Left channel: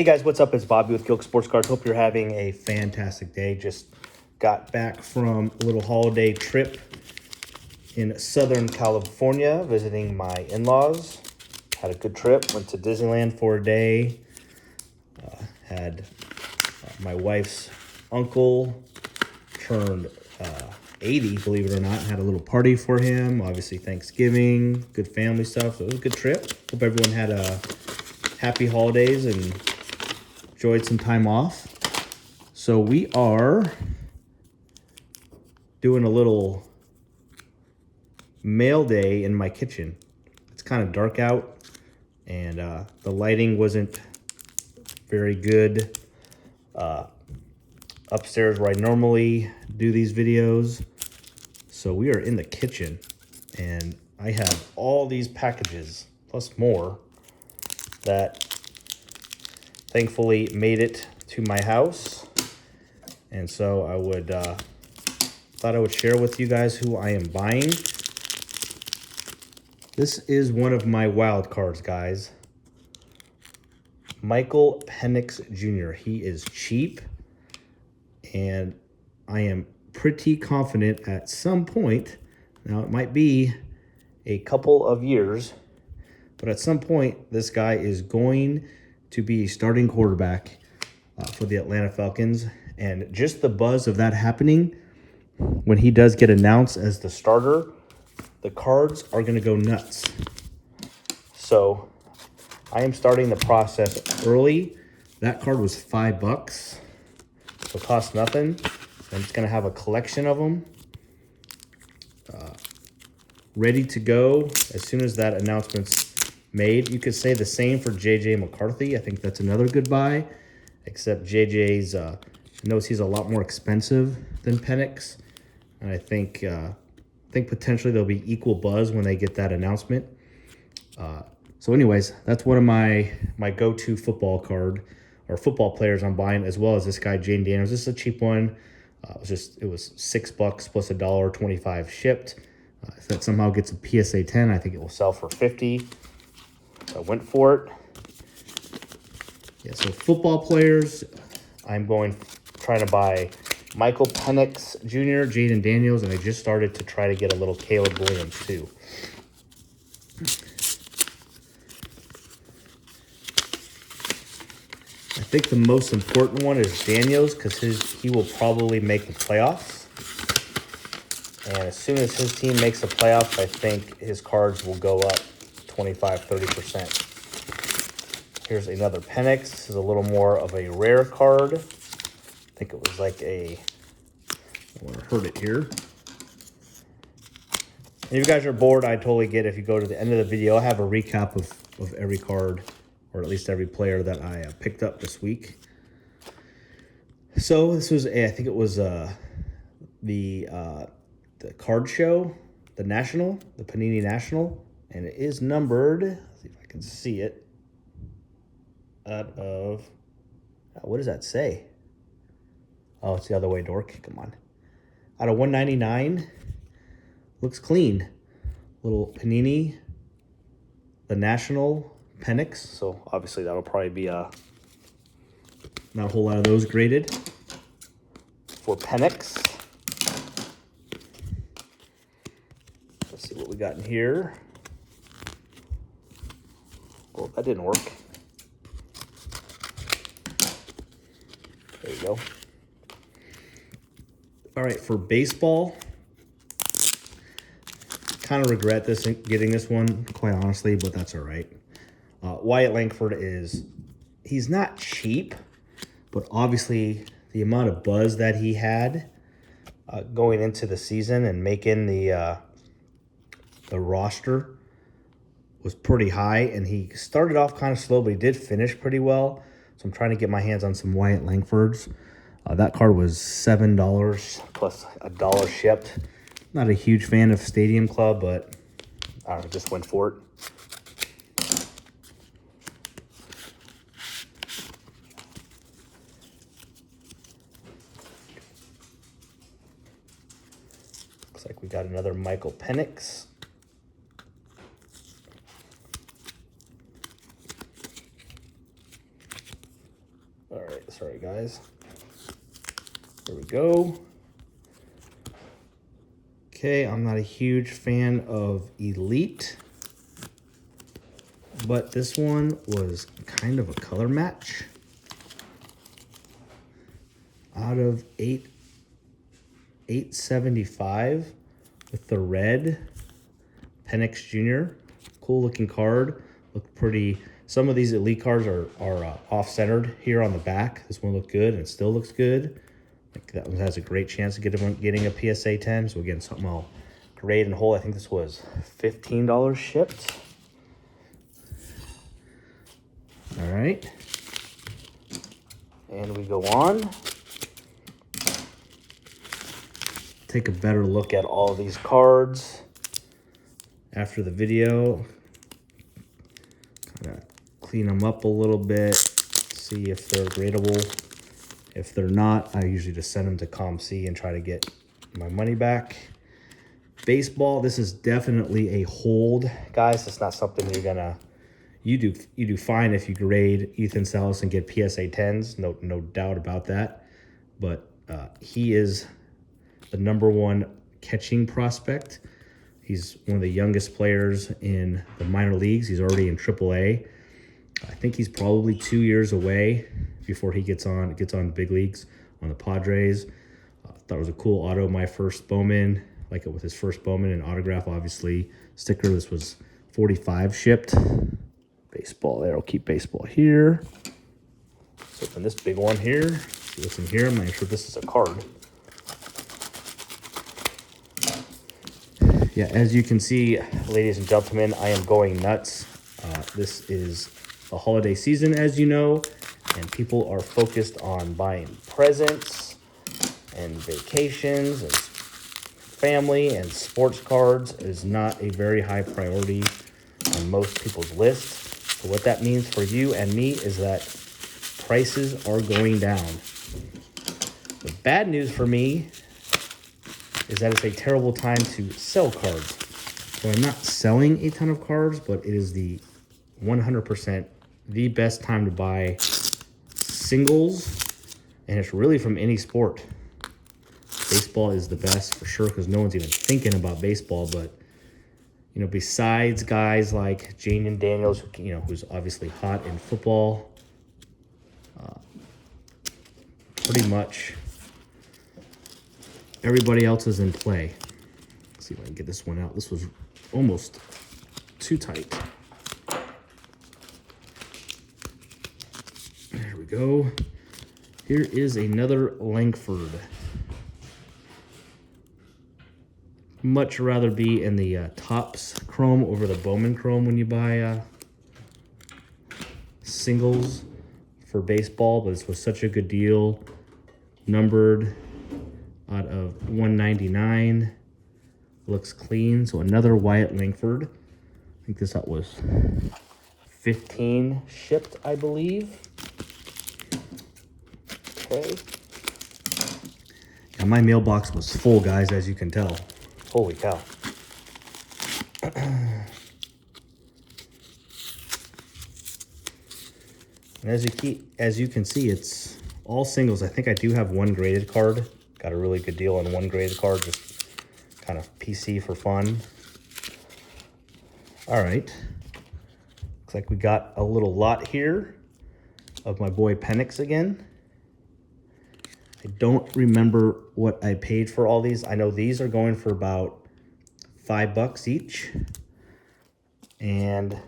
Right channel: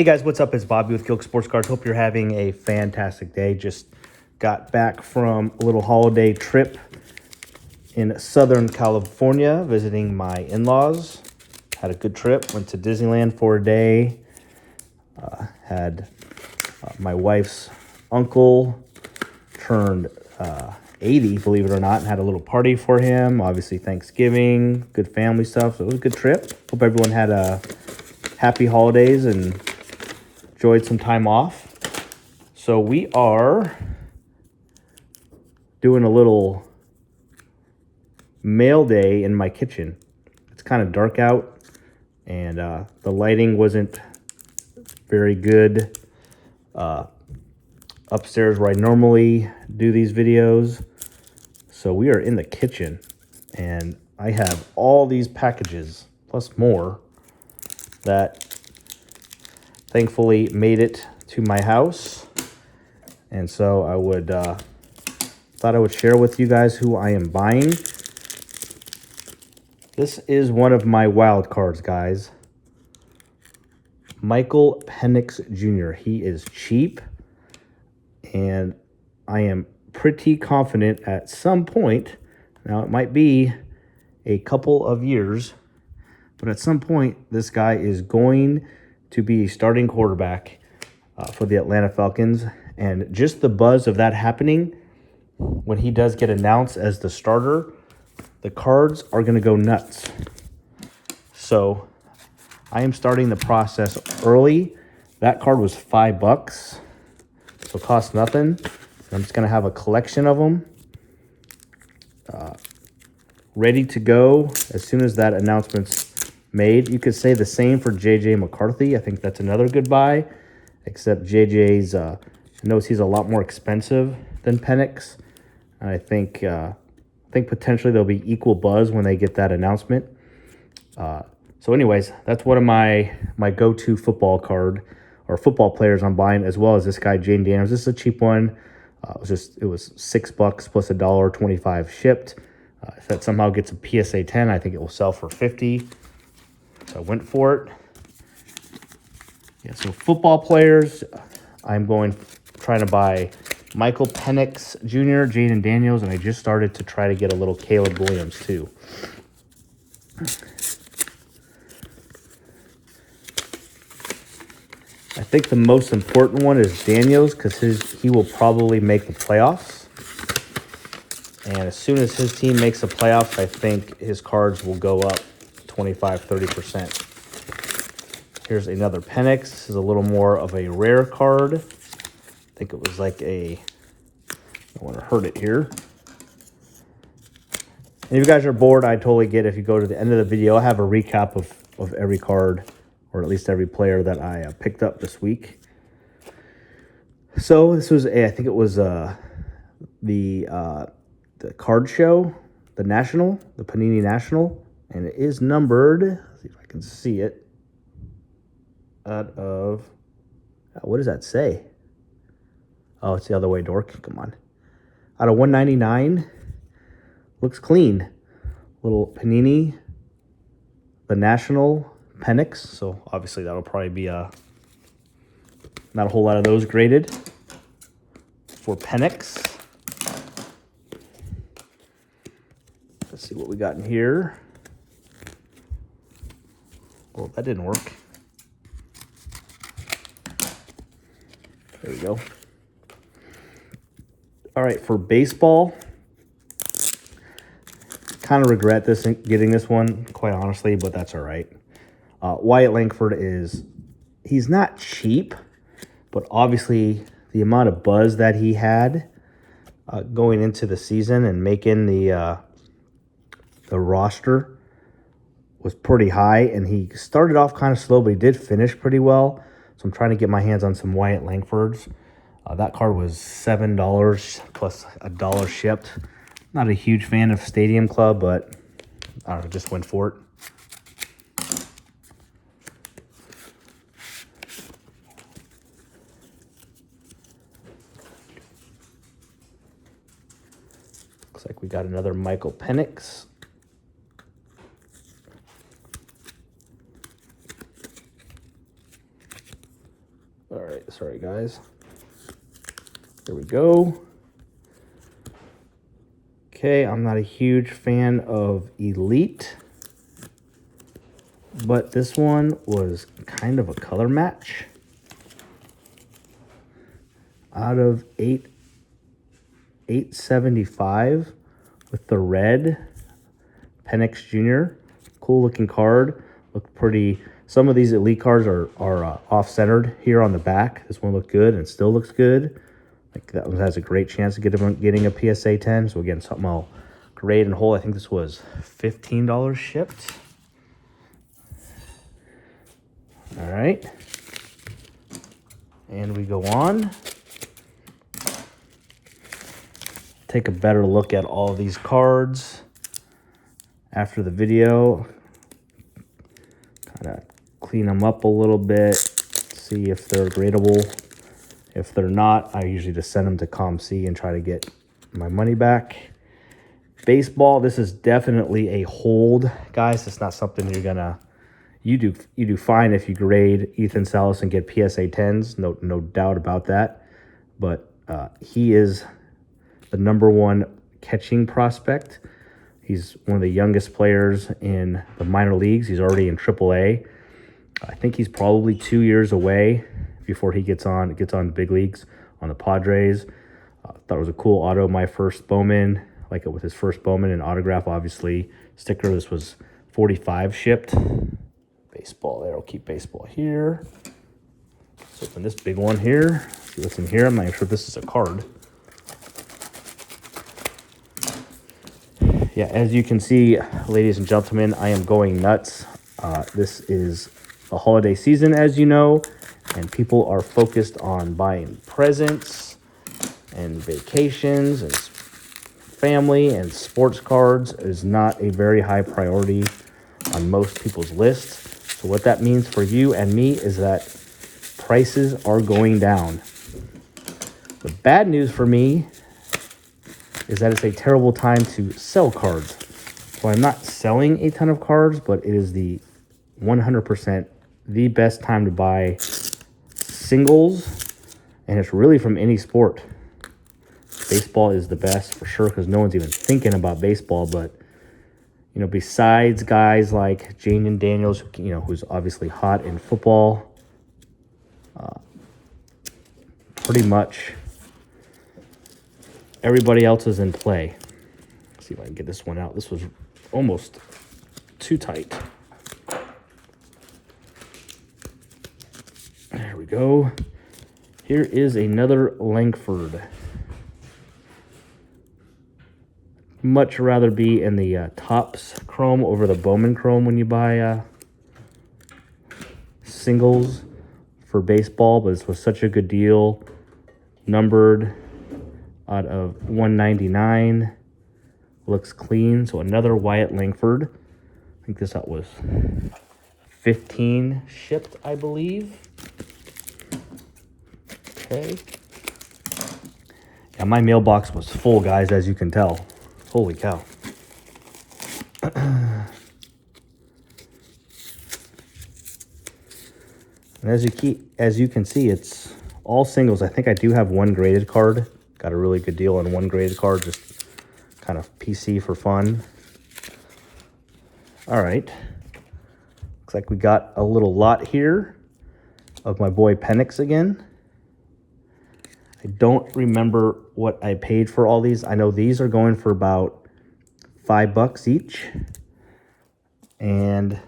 Hey guys, what's up? It's Bobby with Gilk Sports Cards. Hope you're having a fantastic day. Just got back from a little holiday trip in Southern California, visiting my in-laws. Had a good trip. Went to Disneyland for a day. Had my wife's uncle turned 80, believe it or not, and had a little party for him. Obviously Thanksgiving, good family stuff. So it was a good trip. Hope everyone had a happy holidays and enjoyed some time off. So we are doing a little mail day in my kitchen. It's kind of dark out and the lighting wasn't very good upstairs where I normally do these videos. So we are in the kitchen and I have all these packages plus more that thankfully made it to my house. And so I thought I would share with you guys who I am buying. This is one of my wild cards, guys. Michael Penix Jr. He is cheap, and I am pretty confident at some point, now it might be a couple of years, but at some point this guy is going to be a starting quarterback for the Atlanta Falcons. And just the buzz of that happening, when he does get announced as the starter, the cards are going to go nuts. So I am starting the process early. That card was $5, so it cost nothing. I'm just going to have a collection of them ready to go as soon as that announcement's made. You could say the same for JJ McCarthy. I think that's another good buy, except JJ's knows he's a lot more expensive than Penix. And I think potentially there'll be equal buzz when they get that announcement. So anyways, that's one of my go-to football card or football players I'm buying, as well as this guy, Jayden Daniels. This is a cheap one. It was $6 plus $1.25 shipped. If that somehow gets a PSA 10, I think it will sell for $50. So I went for it. Yeah, so football players, I'm trying to buy Michael Penix Jr., Jayden Daniels, and I just started to try to get a little Caleb Williams too. I think the most important one is Daniels because he will probably make the playoffs. And as soon as his team makes the playoffs, I think his cards will go up 25-30%. Here's another Penix. This is a little more of a rare card. I think it was like I want to hurt it here. And if you guys are bored, I totally get it. If you go to the end of the video, I'll have a recap of every card, or at least every player that I picked up this week. So this was I think it was the card show, the Panini National, and it is numbered. Let's see if I can see it. Out of, what does that say? Oh, it's the other way, dork. Come on. Out of 199. Looks clean. Little Panini, the National Penix. So obviously that'll probably be not a whole lot of those graded for Penix. Let's see what we got in here. Oh, that didn't work. There you go. All right, for baseball, kind of regret getting this one, quite honestly, but that's all right. Wyatt Langford he's not cheap, but obviously the amount of buzz that he had going into the season and making the roster was pretty high, and he started off kind of slow, but he did finish pretty well. So I'm trying to get my hands on some Wyatt Langfords. That card was $7 plus $1 shipped. Not a huge fan of Stadium Club, but I don't know, just went for it. Looks like we got another Michael Penix. All right, sorry guys. There we go. Okay, I'm not a huge fan of Elite, but this one was kind of a color match. Out of 875 with the red Penix Jr. Cool looking card. Looked pretty. Some of these Elite cards are off-centered here on the back. This one looked good and still looks good. Like that one has a great chance of getting a PSA 10. So again, something I'll grade and hold. I think this was $15 shipped. All right. And we go on. Take a better look at all these cards after the video. Kind of clean them up a little bit, see if they're gradable. If they're not, I usually just send them to ComC and try to get my money back. Baseball, this is definitely a hold, guys. It's not something you're gonna, you do fine if you grade Ethan Salas and get PSA 10s, no doubt about that. But he is the #1 catching prospect. He's one of the youngest players in the minor leagues. He's already in AAA. I think he's probably 2 years away before he gets on the big leagues on the Padres. Thought it was a cool auto. My first Bowman, like it with his first Bowman and autograph, obviously. Sticker, this was 45 shipped. Baseball there, I'll keep baseball here. Let's open this big one here. See what's in here. I'm not even sure if this is a card. Yeah, as you can see, ladies and gentlemen, I am going nuts. This is the holiday season, as you know, and people are focused on buying presents and vacations and family, and sports cards is not a very high priority on most people's lists. So what that means for you and me is that prices are going down. The bad news for me is that it's a terrible time to sell cards. So I'm not selling a ton of cards, but it is the 100% the best time to buy singles, and it's really from any sport. Baseball is the best for sure because no one's even thinking about baseball, but you know, besides guys like Jayden Daniels, you know, who's obviously hot in football, pretty much everybody else is in play. Let's see if I can get this one out. This was almost too tight. There we go. Here is another Langford. Much rather be in the Topps Chrome over the Bowman Chrome when you buy singles for baseball, but this was such a good deal. Numbered out of 199. Looks clean. So another Wyatt Langford. I think this out was 15 shipped, I believe. Okay. Yeah, my mailbox was full, guys, as you can tell. Holy cow. And as you can see, it's all singles. I think I do have one graded card. Got a really good deal on one graded card, just kind of PC for fun. All right. Looks like we got a little lot here of my boy Penix again. I don't remember what I paid for all these. I know these are going for about $5 each. And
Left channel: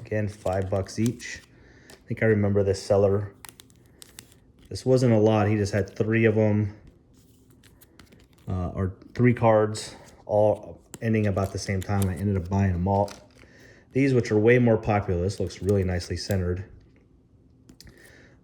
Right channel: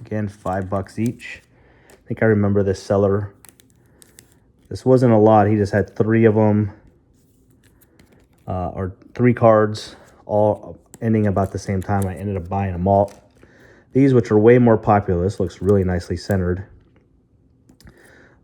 again, $5 each. I think I remember this seller. This wasn't a lot. He just had 3 of them, or 3 cards, all ending about the same time. I ended up buying them all. These, which are way more popular, this looks really nicely centered.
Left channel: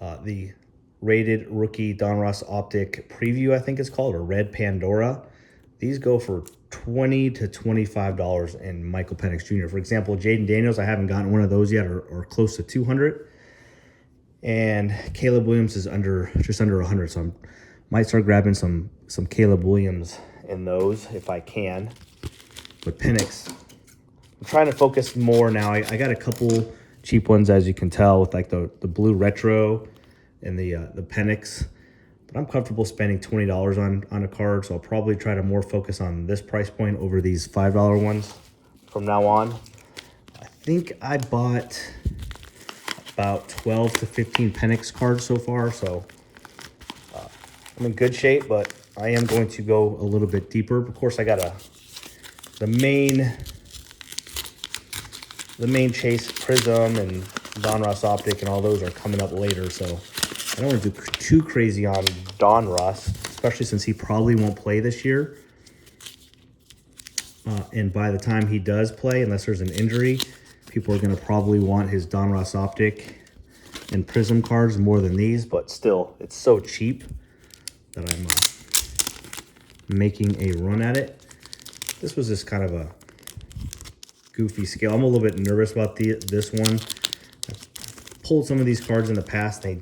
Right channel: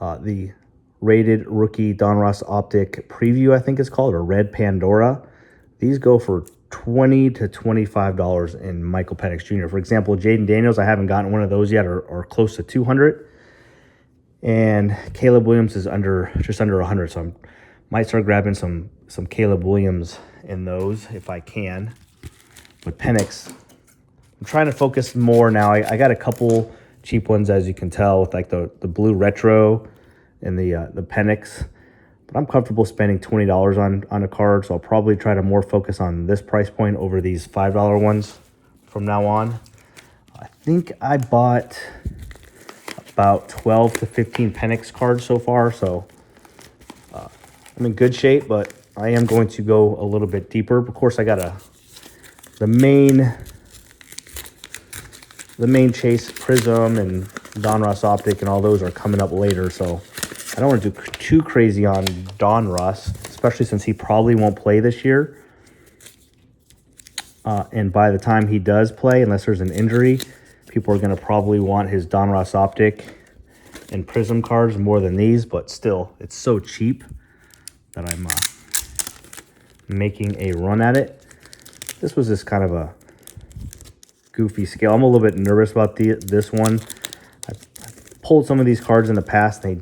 The rated rookie Donruss Optic Preview, I think it's called, or Red Pandora. These go for $20 to $25 in Michael Penix Jr. For example, Jayden Daniels, I haven't gotten one of those yet, or close to 200. And Caleb Williams is just under 100, so I might start grabbing some Caleb Williams in those if I can. With Penix, I'm trying to focus more now. I got a couple cheap ones, as you can tell, with like the blue retro. in the Penix. But I'm comfortable spending $20 on a card, so I'll probably try to more focus on this price point over these $5 ones from now on. I think I bought about 12 to 15 Penix cards so far, so I'm in good shape, but I am going to go a little bit deeper. Of course, I got the main Chase Prism and Donruss Optic and all those are coming up later, so I don't want to do too crazy on Donruss, especially since he probably won't play this year. And by the time he does play, unless there's an injury, people are going to probably want his Donruss Optic and Prism cards more than these, but still, it's so cheap that I'm making a run at it. This was just kind of a goofy scale. I'm a little bit nervous about this one. I've pulled some of these cards in the past. They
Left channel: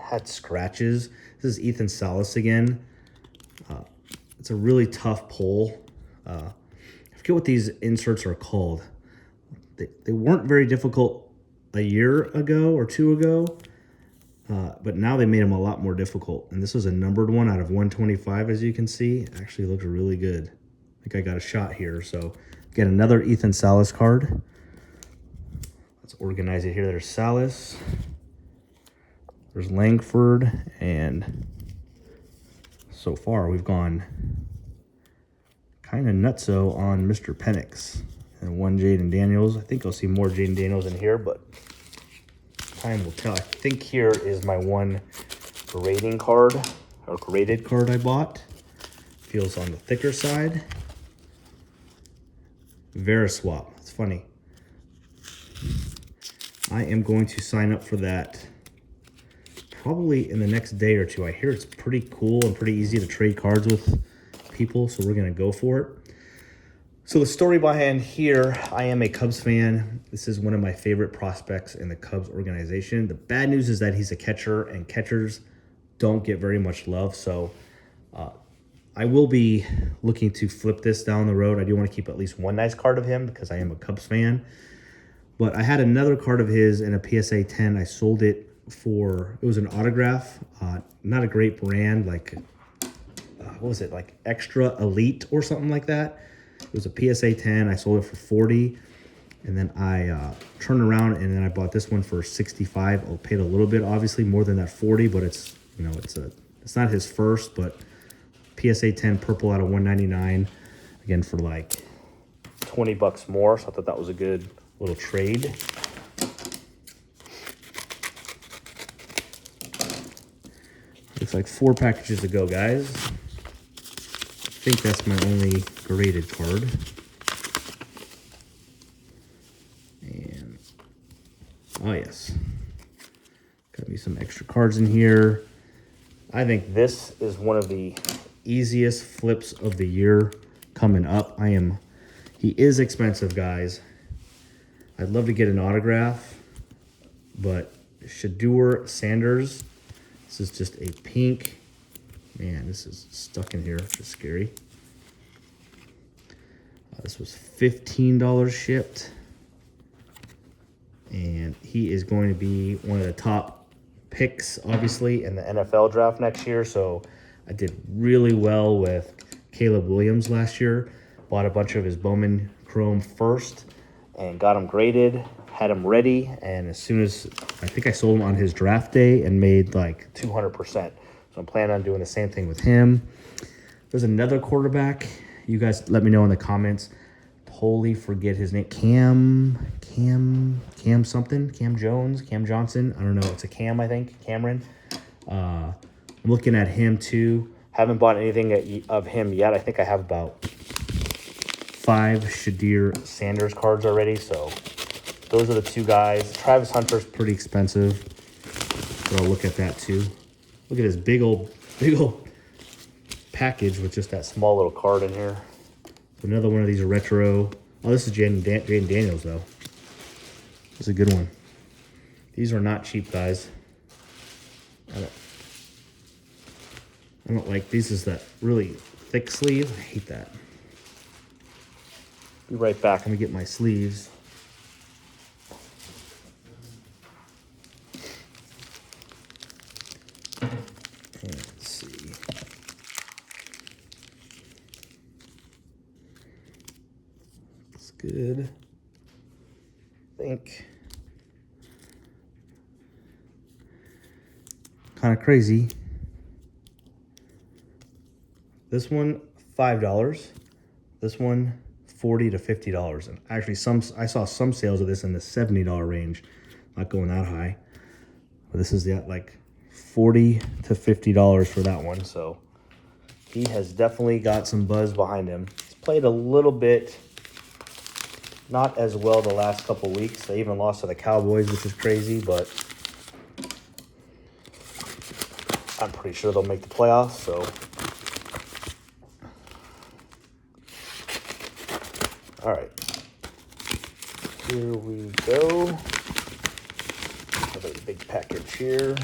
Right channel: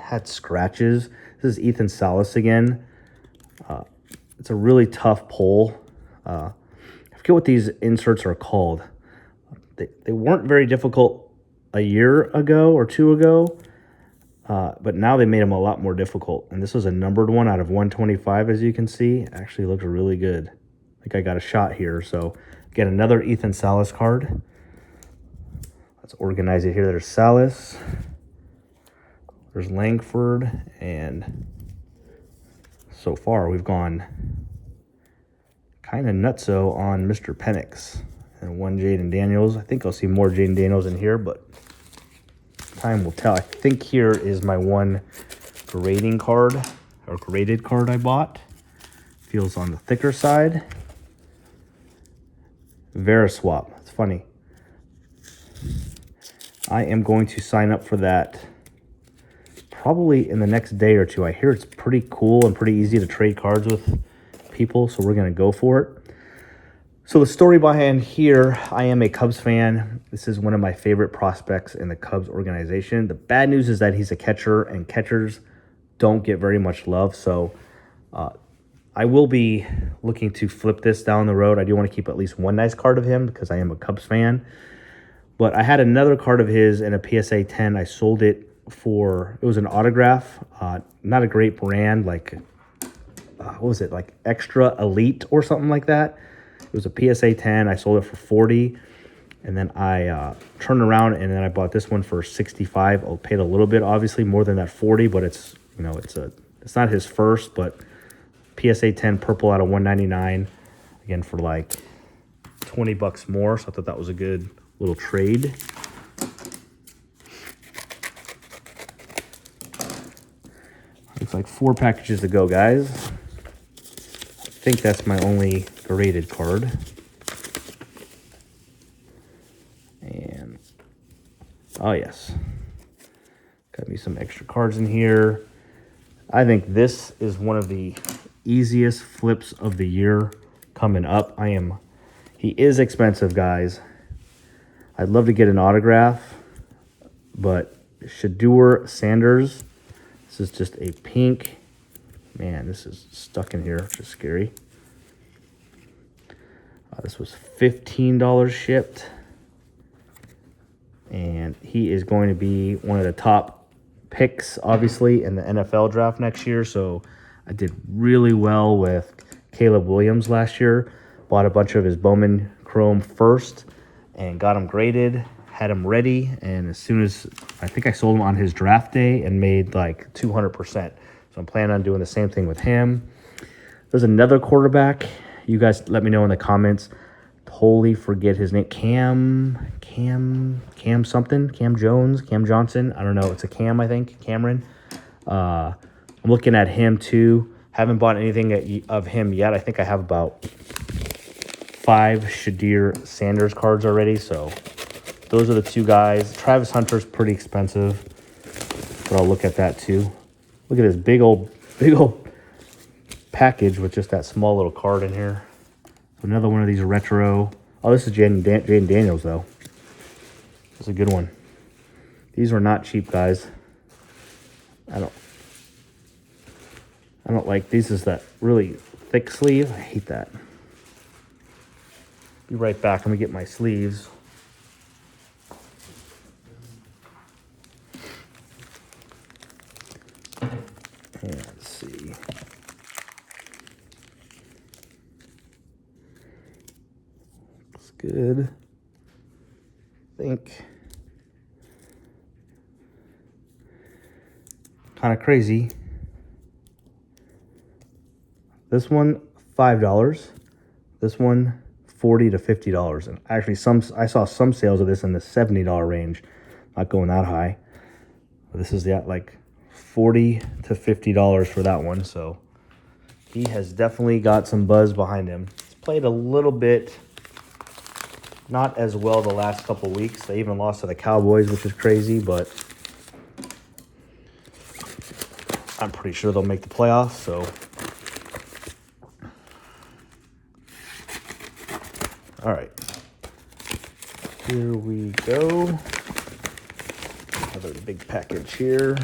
had scratches. This is Ethan Salas again. It's a really tough pull. I forget what these inserts are called. They weren't very difficult a year ago or two ago, but now they made them a lot more difficult. And this was a numbered one out of 125, as you can see. Actually looks really good. I think I got a shot here. So get another Ethan Salas card. Let's organize it here. There's Salas. There's Langford. And so far we've gone kind of nutso on Mr. Penix. And one Jaden Daniels. I think I'll see more Jaden Daniels in here, but time will tell. I think here is my one grading card, or graded card I bought. Feels on the thicker side. Veriswap. It's funny. I am going to sign up for that probably in the next day or two. I hear it's pretty cool and pretty easy to trade cards with people, so we're going to go for it. So the story behind here, I am a Cubs fan. This is one of my favorite prospects in the Cubs organization. The bad news is that he's a catcher, and catchers don't get very much love. So I will be looking to flip this down the road. I do want to keep at least one nice card of him because I am a Cubs fan. But I had another card of his in a PSA 10. I sold it for, it was an autograph. Not a great brand, like, what was it, like Extra Elite or something like that. It was a PSA 10. I sold it for 40, and then I turned around and then I bought this one for 65. I paid a little bit, obviously more than that 40, but it's, you know, it's not his first, but PSA 10 purple out of 199 again for like 20 bucks more. So I thought that was a good little trade. It's like 4 packages to go, guys. I think that's my only graded card. And oh yes, got me some extra cards in here. I think this is one of the easiest flips of the year coming up. He is expensive, guys. I'd love to get an autograph, but Shedeur Sanders, this is just a pink. Man, this is stuck in here, which is scary. This was $15 shipped. And he is going to be one of the top picks, obviously, in the NFL draft next year. So I did really well with Caleb Williams last year. Bought a bunch of his Bowman Chrome first and got him graded, had him ready. And as soon as, I think I sold him on his draft day and made like 200%. So I'm planning on doing the same thing with him. There's another quarterback. You guys let me know in the comments. Totally forget his name. Cam something. Cam Jones, Cam Johnson. I don't know. It's a Cam, I think. Cameron. I'm looking at him too. Haven't bought anything of him yet. I think I have about 5 Shedeur Sanders cards already. So those are the 2 guys. Travis Hunter's pretty expensive, but I'll look at that too. Look at this big old package with just that small little card in here. Another one of these retro. Oh, this is Jaden Daniels, though. That's a good one. These are not cheap, guys. I don't like these. Is that really thick sleeve? I hate that. Be right back. Let me get my sleeves. good. I think. Kind of crazy. This one, $5. This one, $40 to $50. And actually, I saw some sales of this in the $70 range. Not going that high. But this is like $40 to $50 for that one. So he has definitely got some buzz behind him. He's played a little bit, not as well the last couple weeks. They even lost to the Cowboys, which is crazy, but I'm pretty sure they'll make the playoffs, so. All right. Here we go. Have a big package here.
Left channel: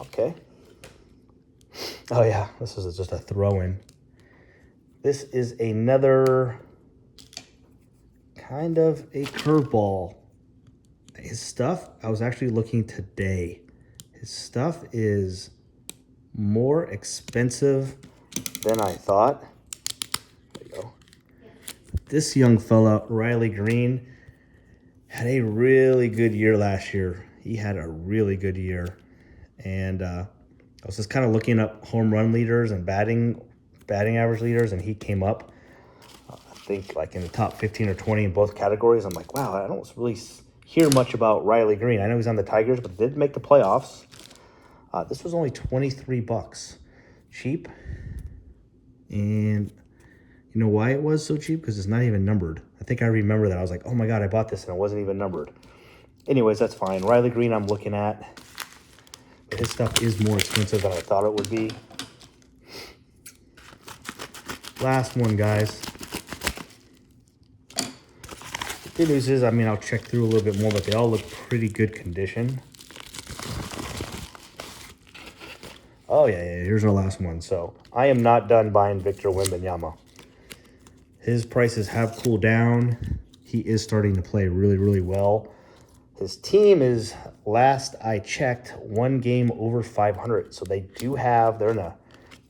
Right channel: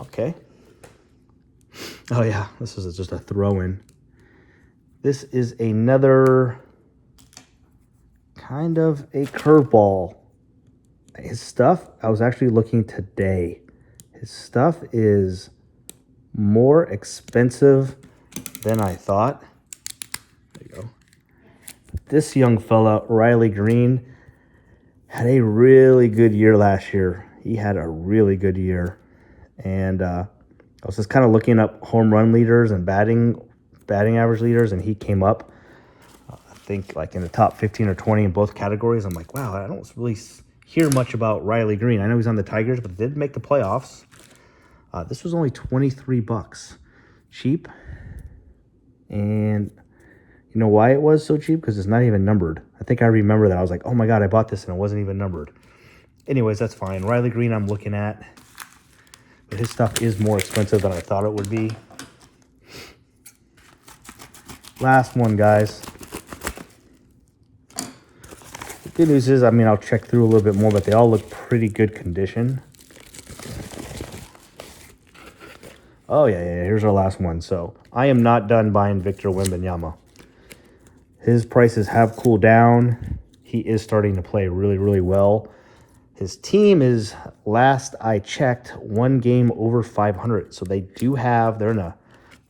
Okay. Oh yeah, this is just a throw-in. This is another kind of a curveball. His stuff, I was actually looking today. His stuff is more expensive than I thought. There you go. This young fella, Riley Green, had a really good year last year. He had a really good year. And I was just kind of looking up home run leaders and batting average leaders, and he came up, I think, like in the top 15 or 20 in both categories. I'm like, wow, I don't really hear much about Riley Green. I know he's on the Tigers, but didn't make the playoffs. This was only $23. Cheap. And you know why it was so cheap? Because it's not even numbered. I think I remember that. I was like, oh my God, I bought this and it wasn't even numbered. Anyways, that's fine. Riley Green I'm looking at. This stuff is more expensive than I thought it would be. Last one, guys. The good news is, I mean, I'll check through a little bit more, but they all look pretty good condition. Oh, yeah, here's our last one. So, I am not done buying Victor Wembanyama. His prices have cooled down. He is starting to play really, really well. His team is, last I checked, one game over 500. So, they do have, they're in a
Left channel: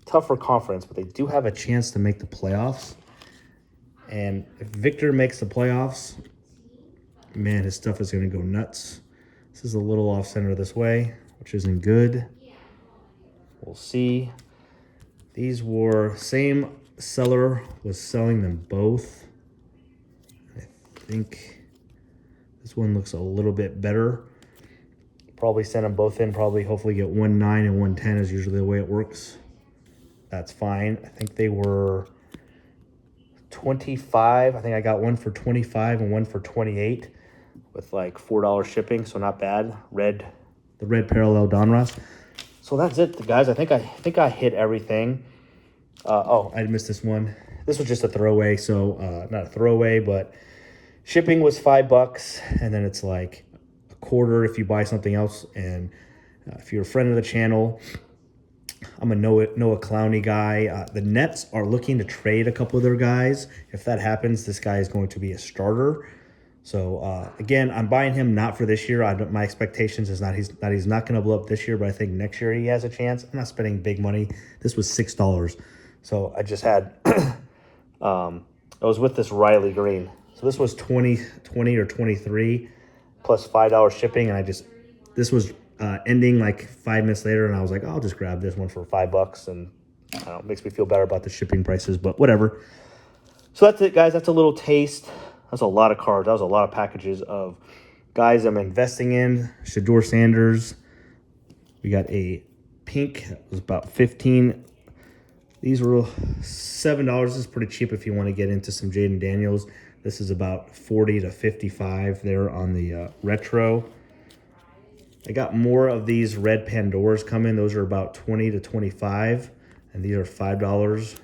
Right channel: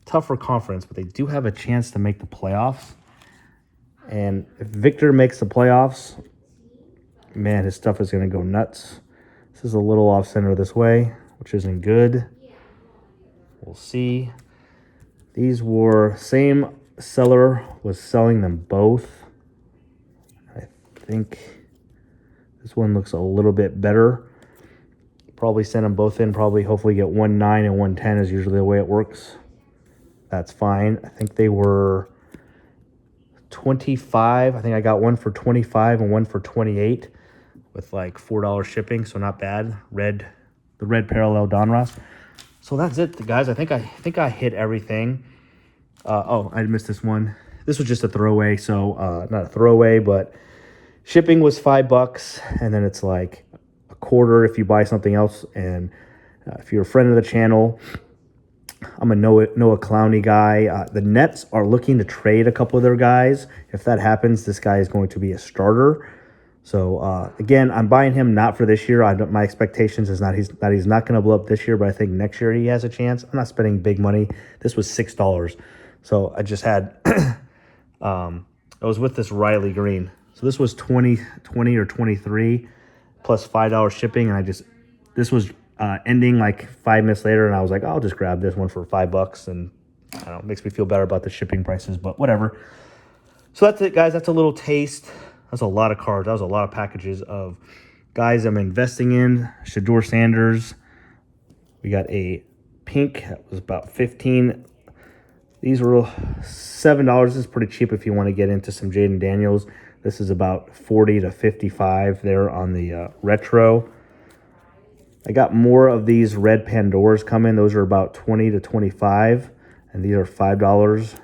tougher conference, but they do have a chance to make the playoffs. And if Victor makes the playoffs, man, his stuff is going to go nuts. This is a little off center this way, which isn't good. We'll see. These were, same seller was selling them both. I think this one looks a little bit better. Probably send them both in, probably hopefully get 1.9 and 1.10 is usually the way it works. That's fine. I think they were 25. I think I got one for 25 and one for 28 with like $4 shipping, so not bad. The red parallel Donruss. So that's it, guys. I think I hit everything. Oh, I missed this one. This was just a throwaway, so not a throwaway, but shipping was $5, and then it's like a quarter if you buy something else. And if you're a friend of the channel, I'm a Noah Clowney guy. The Nets are looking to trade a couple of their guys. If that happens, this guy is going to be a starter. So, again, I'm buying him not for this year. My expectations is that he's not going to blow up this year, but I think next year he has a chance. I'm not spending big money. This was $6. So I just had, I was with this Riley Green. So this was 20 or 23 plus $5 shipping. And this was ending like 5 minutes later. And I was like, I'll just grab this one for $5. And you know, it makes me feel better about the shipping prices, but whatever. So that's it, guys. That's a little taste. That's a lot of cards. That was a lot of packages of guys I'm investing in. Shedeur Sanders. We got a pink. That was about 15. These were $7. This is pretty cheap if you want to get into some Jaden Daniels. This is about 40 to 55 there on the retro. I got more of these red Pandoras coming. Those are about 20 to 25. And these are $5.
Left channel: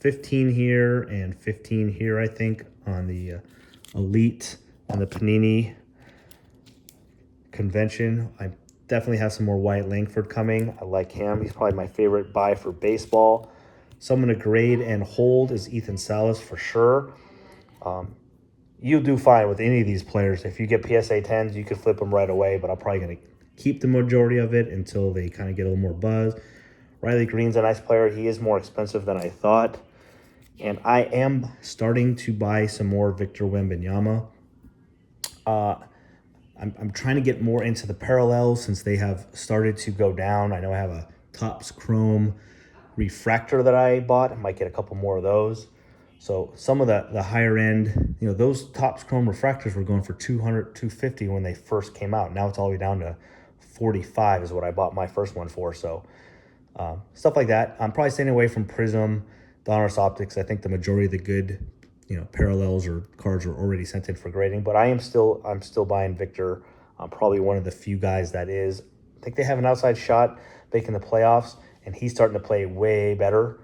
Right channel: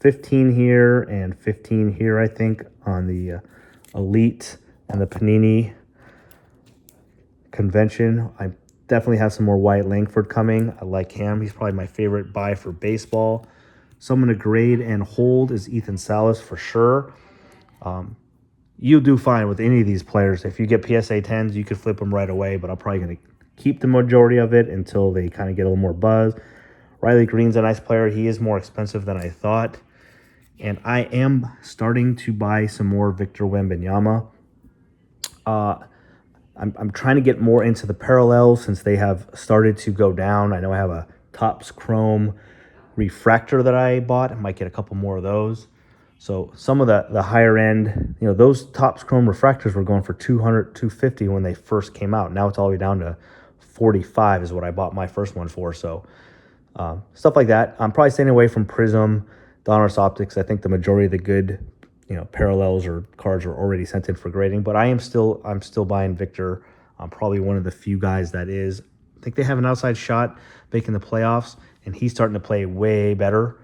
15 here and 15 here, I think, on the Elite and the Panini Convention. I definitely have some more Wyatt Langford coming. I like him. He's probably my favorite buy for baseball. Someone to grade and hold is Ethan Salas for sure. You'll do fine with any of these players. If you get PSA 10s, you could flip them right away, but I'm probably going to keep the majority of it until they kind of get a little more buzz. Riley Green's a nice player. He is more expensive than I thought. And I am starting to buy some more Victor Wembanyama. I'm trying to get more into the parallels since they have started to go down. I know I have a Topps Chrome refractor that I bought. I might get a couple more of those. So some of the higher end, you know, those Topps Chrome refractors were going for 200, 250 when they first came out. Now it's all the way down to 45 is what I bought my first one for. So stuff like that. I'm probably staying away from Prism, Donruss Optics. I think the majority of the good, you know, parallels or cards are already sent in for grading. But I'm still buying Victor. I'm probably one of the few guys that is. I think they have an outside shot making the playoffs, and he's starting to play way better.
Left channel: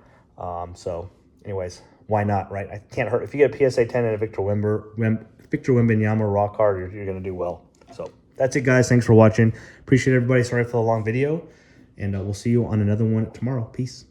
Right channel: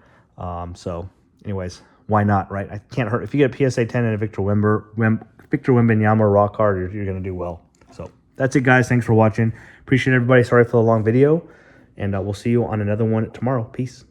So, anyways, why not, right? I can't hurt. If you get a PSA 10 and a Victor Wembanyama raw card, you're going to do well. So, that's it, guys. Thanks for watching. Appreciate everybody. Sorry for the long video, and we'll see you on another one tomorrow. Peace.